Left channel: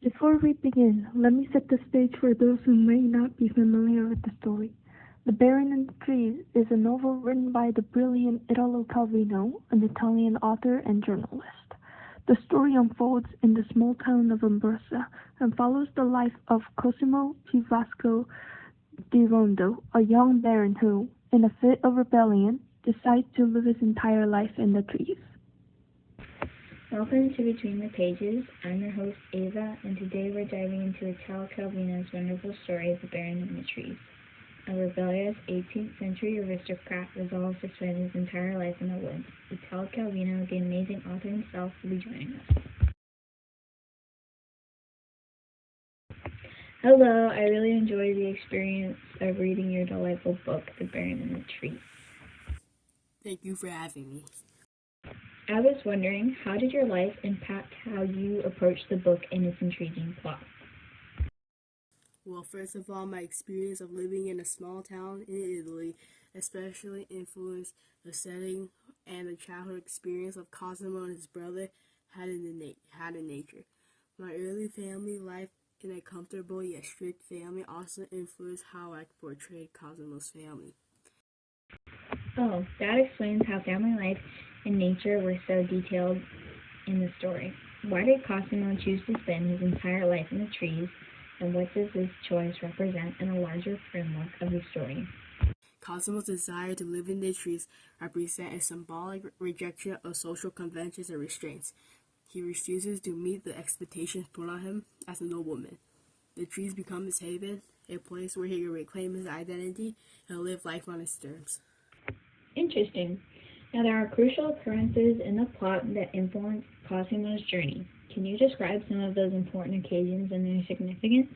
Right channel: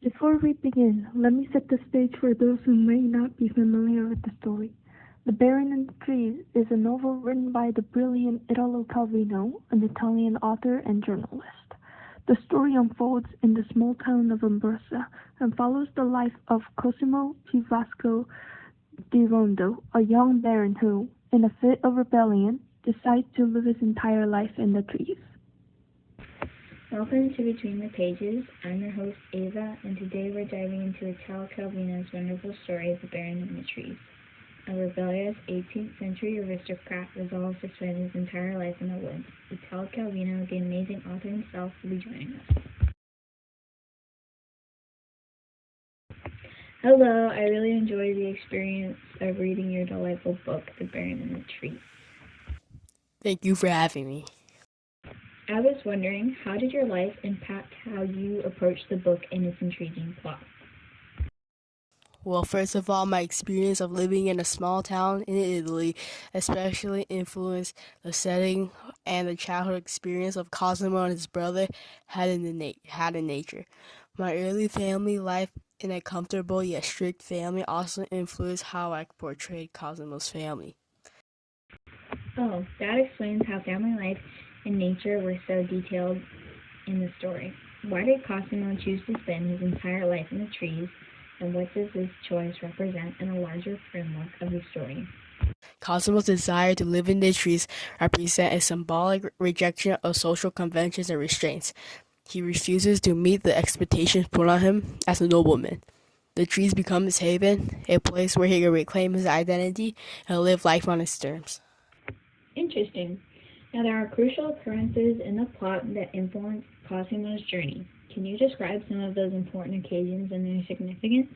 Before we begin, let me set the stage for those who may not be familiar with the story. The Baron and the Trees is a novel written by the brilliant Italo Calvino, an Italian author and journalist. The story unfolds in the small town of Abruzza and follows the life of Cosimo P. Vasco di Rondo, a young baron who, in a fit of rebellion, decides to live his entire life in the trees. Welcome to Between the Pages. I'm your host, Ava, and today we're diving into Italo Calvino's wonderful story of the Baron in the Trees. A rebellious 18th century aristocrat resolves to spend his entire life in the woods. Italo Calvino, the amazing author himself, will be joining us. Hello, I really enjoyed the experience of reading your delightful book, The Baron in the Trees. Thank you for having me. I was wondering, how did your life impact how you approach the book and its intriguing plot? Well, first of all, my experience of living in a small town in Italy especially influenced the setting and the childhood experience of Cosimo and his brother had in nature. My early family life in a comfortable yet strict family also influenced how I portrayed Cosimo's family. Oh, that explains how family life and nature were so detailed in the story. Why did Cosimo choose to spend his entire life in the trees, and what does this choice represent in a larger framework of the story? Cosimo's desire to live in the trees represents a symbolic rejection of social conventions and restraints. He refuses to meet the expectations put on him as a nobleman. The trees become his haven, a place where he can reclaim his identity and live life on his terms. Interesting. Now, there are crucial occurrences in the plot that influence Cosimo's journey. Can you describe some of those important occasions and their significance?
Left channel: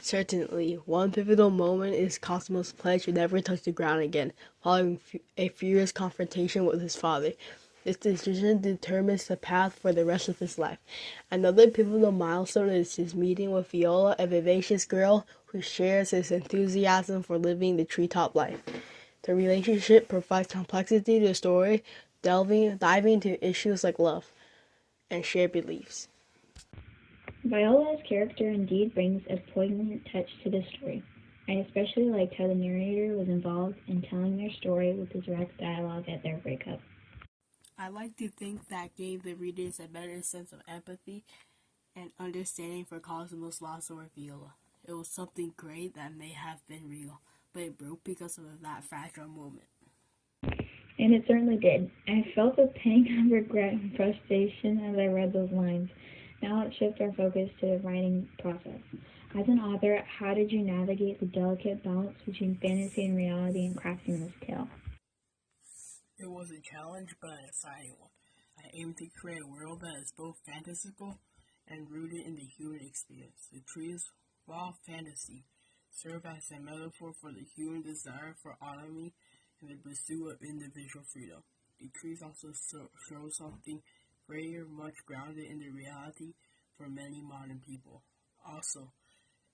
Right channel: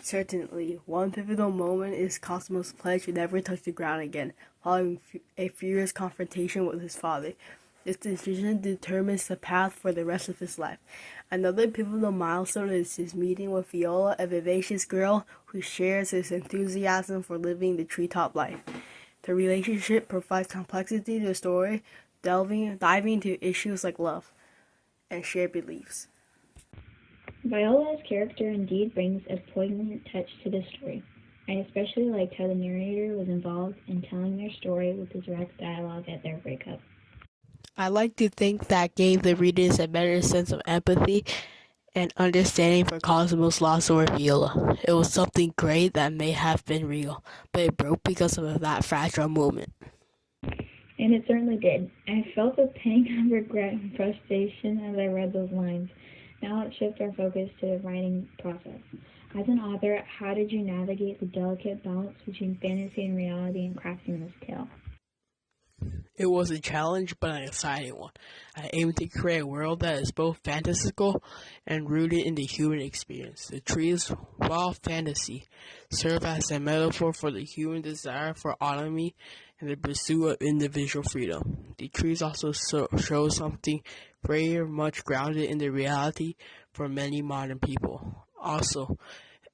Certainly, one pivotal moment is Cosimo's pledge to never touch the ground again, following a furious confrontation with his father. This decision determines the path for the rest of his life. Another pivotal milestone is his meeting with Viola, a vivacious girl who shares his enthusiasm for living the treetop life. The relationship provides complexity to the story, diving into issues like love and shared beliefs. Viola's character indeed brings a poignant touch to the story. I especially liked how the narrator was involved in telling their story with his direct dialogue at their breakup. I like to think that gave the readers a better sense of empathy and understanding for Cosimo's loss over Viola. It was something great that may have been real, but it broke because of that fragile moment. And it certainly did. I felt a pang of regret and frustration as I read those lines. Now let's shift our focus to the writing process. As an author, how did you navigate the delicate balance between fantasy and reality in crafting this tale? It was a challenge, but an exciting one. I aimed to create a world that is both fantastical and rooted in the human experience. The trees, while fantasy, serve as a metaphor for the human desire for autonomy and the pursuit of individual freedom. The trees also show something very much grounded in the reality for many modern people. Also,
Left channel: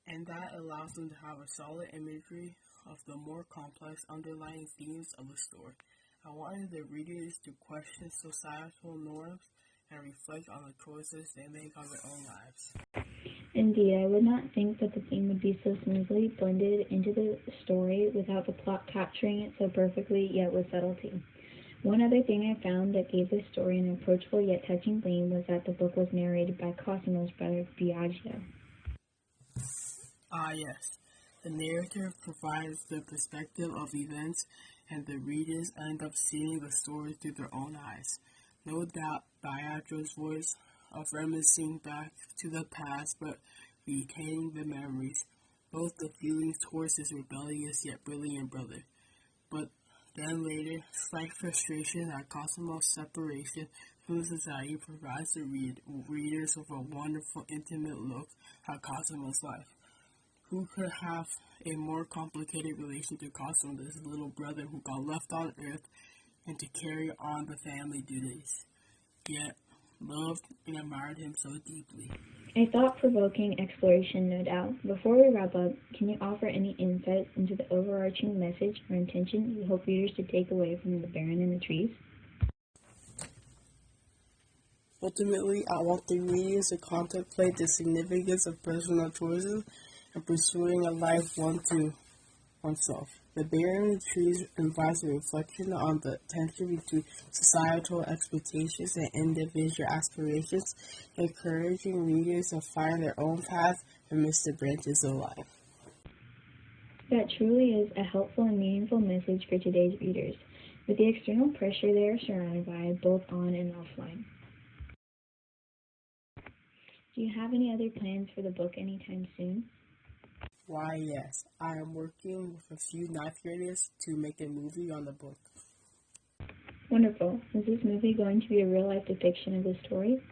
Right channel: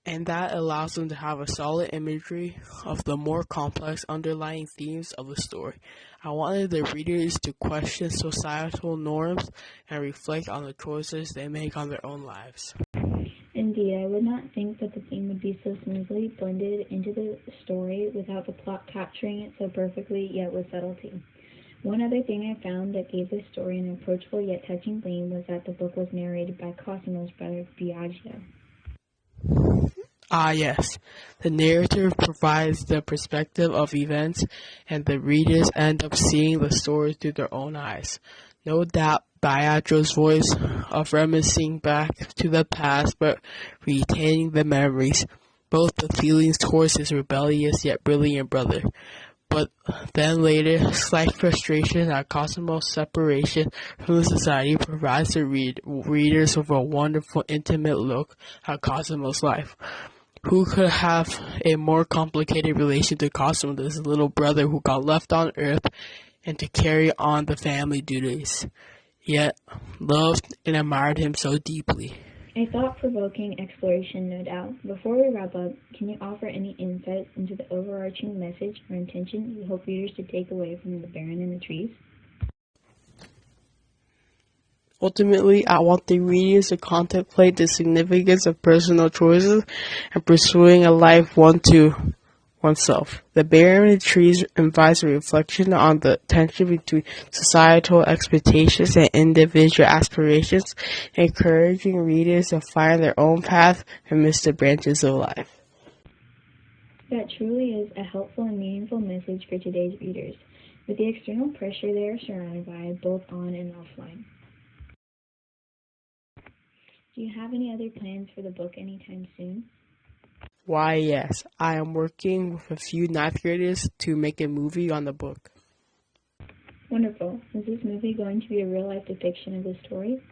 and that allows them to have a solid imagery of the more complex underlying themes of the story. I wanted the readers to question societal norms and reflect on the choices they make on their own lives. Indeed, I would not think that the theme would be so smoothly blended into the story without the plot capturing it so perfectly, yet with subtlety. One other thing I found that gave this story an approachable yet touching theme was that the book was narrated by Cosimo's brother Biagio. Ah, yes. The narrative provides the perspective of events, and the readers end up seeing the story through their own eyes. No doubt, Biagio's voice of reminiscing back to the past but retaining the memories, both the feelings towards his rebellious yet brilliant brother. But then later, slight frustration at Cosimo's separation from the society provides the readers with a wonderful, intimate look at Cosimo's life. Who could have a more complicated relation to Cosimo than his little brother who got left on Earth and to carry on the family duties, yet loved and admired him so deeply? A thought-provoking exploration, no doubt. Before we wrap up, can you offer any insights into the overarching message or intention you hope readers to take away from The Baron in the Trees? Ultimately, I want the readers to contemplate the significance of personal choices and pursuing a life one to oneself. The Bear and the Trees invites a reflection on the tension between societal expectations and individual aspirations, encouraging readers to find their own path amidst the branches of life. That truly is a helpful and meaningful message for today's readers, with the external pressure they are surrounded by, both on and offline. Do you have any other plans for the book anytime soon? Why, yes, I am working with a few ninth graders to make a movie on the book. Wonderful. Is this movie going to be a real-life depiction of the story?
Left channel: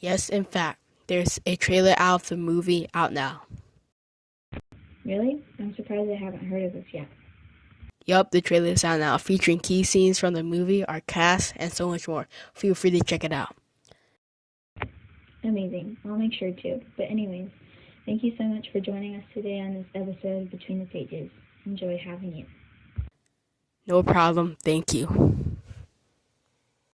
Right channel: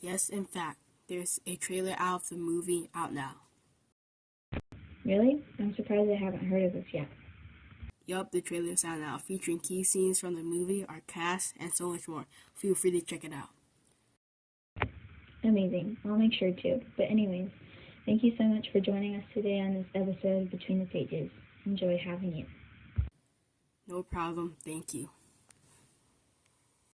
Yes, in fact, there's a trailer out of the movie out now. Really? I'm surprised I haven't heard of this yet. Yup, the trailer is out now, featuring key scenes from the movie, our cast, and so much more. Feel free to check it out. Amazing. I'll make sure to. But anyways, thank you so much for joining us today on this episode of Between the Pages. Enjoy having you. No problem. Thank you.